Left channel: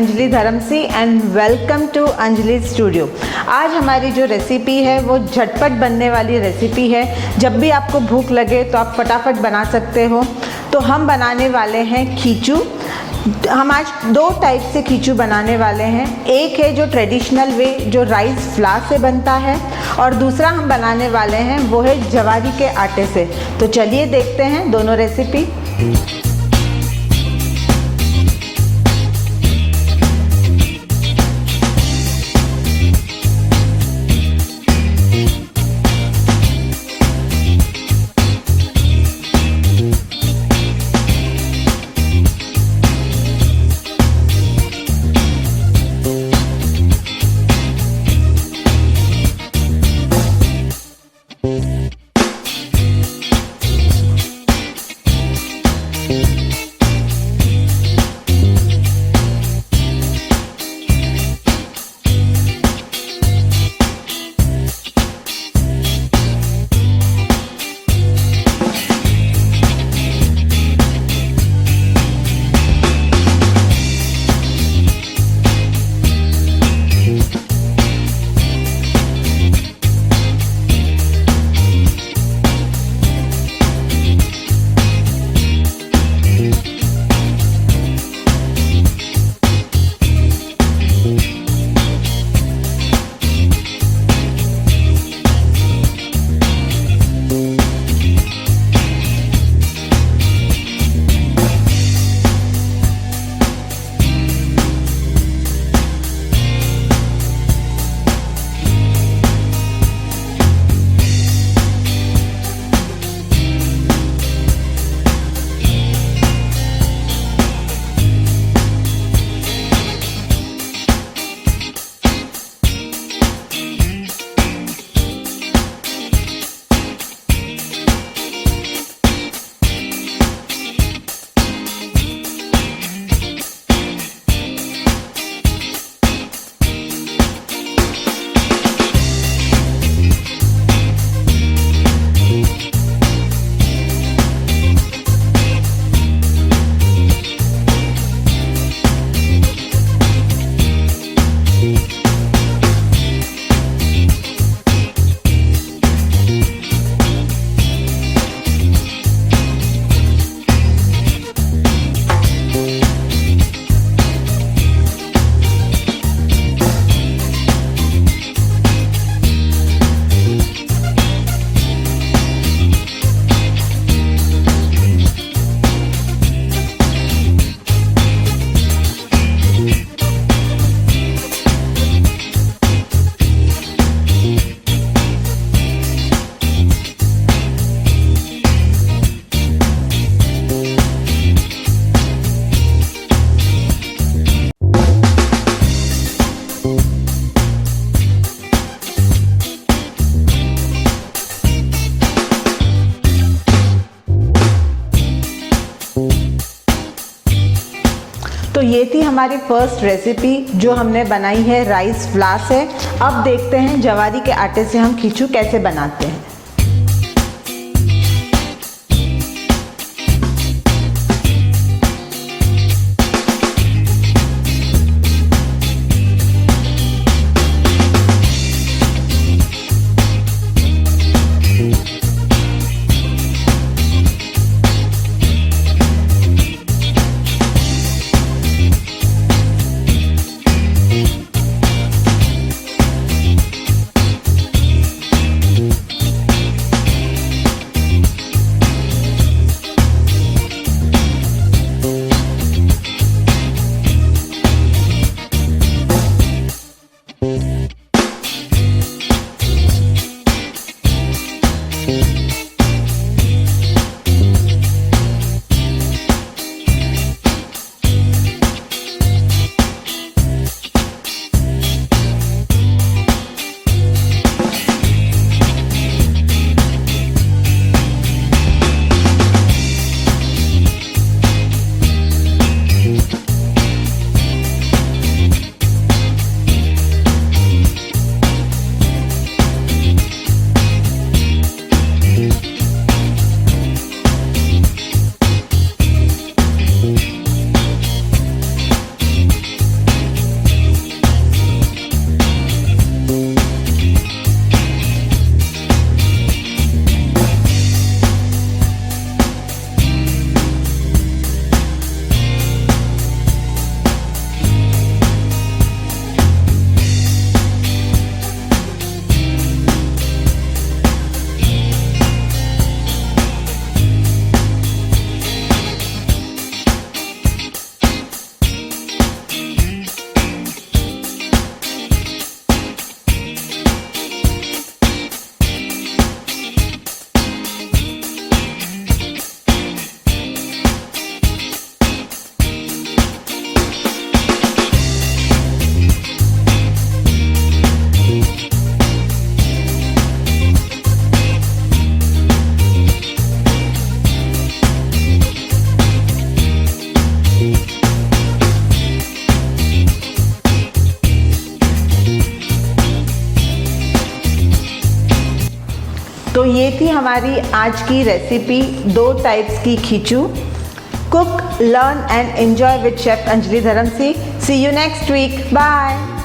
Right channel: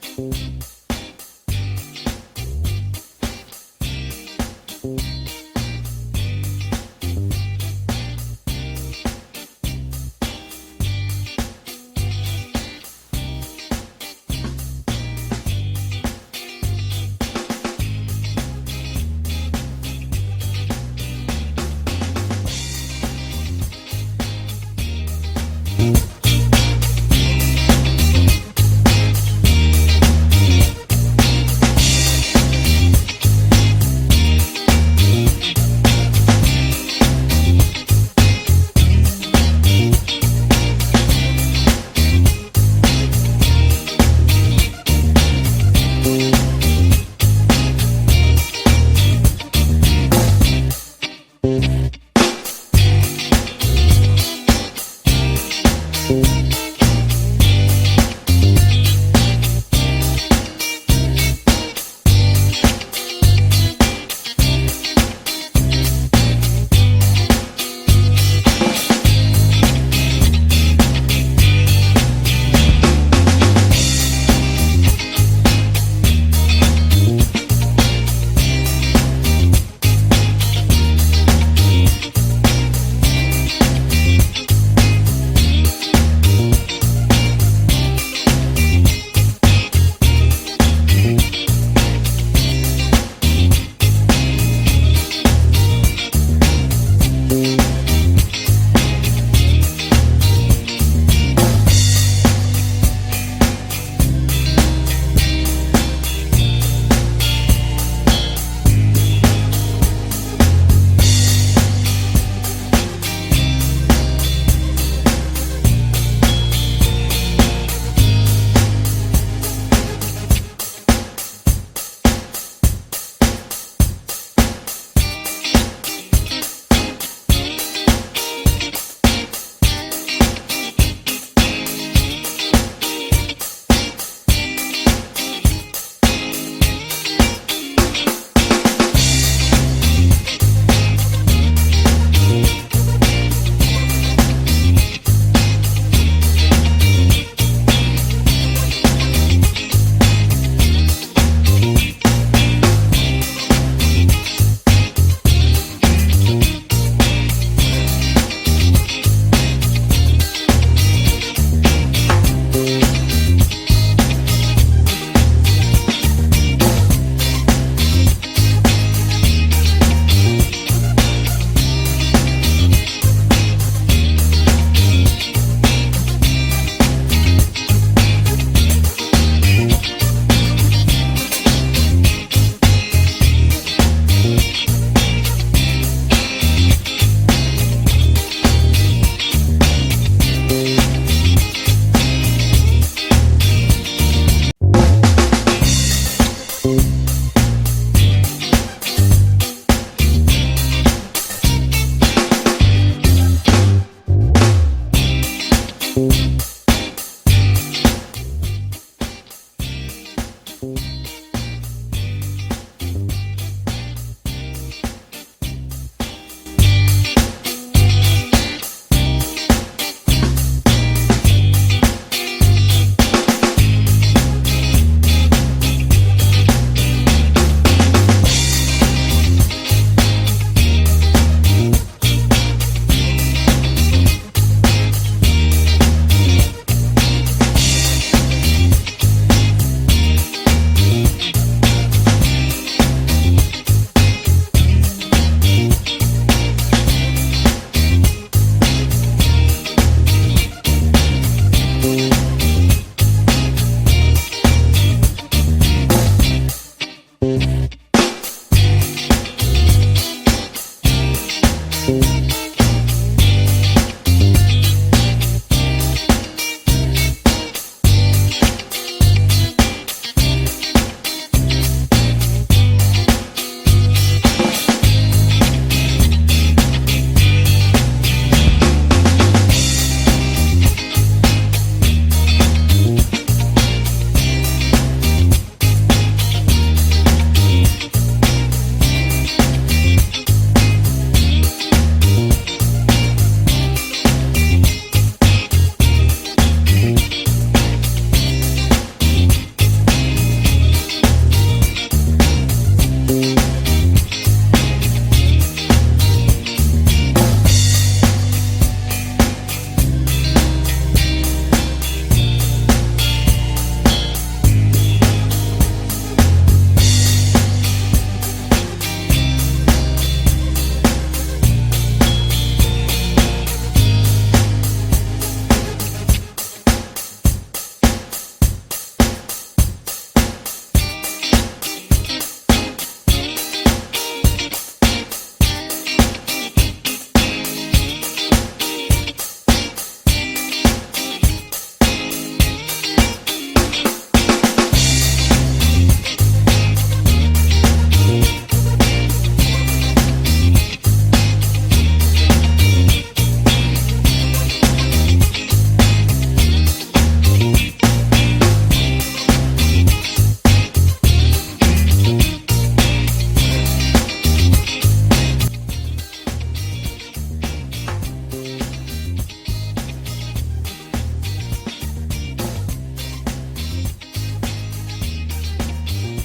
अंजलि Dharamsi and welcome to Anjali studio. आज हमारी जो रेसिपी है वो झटपट बनने वाली रेसिपी है। जब भी आपको भूख लगे तो आप फटाफट बना सकते हो। तो हम बनाने वाले हैं खीचू। हम आज दो टाइप से खीचू बनाने वाले हैं। एक है जो ट्रेडिशनल वे जो राइस फ्लावर से बनता है, और दूसरा हम बनाने वाले हैं वो है जवारी के आटे से। तो चलिए देखते हैं दोनों रेसिपी। तो ये थी हमारी फर्स्ट रेसिपी जो हमने बनाई है राइस फ्लावर से। अब देखते हैं जवारी के आटे से हम खीचू कैसे बनाते हैं। हमारी आज की रेसिपी 2 टाइप्स की khichu. Cook, learn and enjoy with chef Anjali Dharamsi. See you next week. Bye.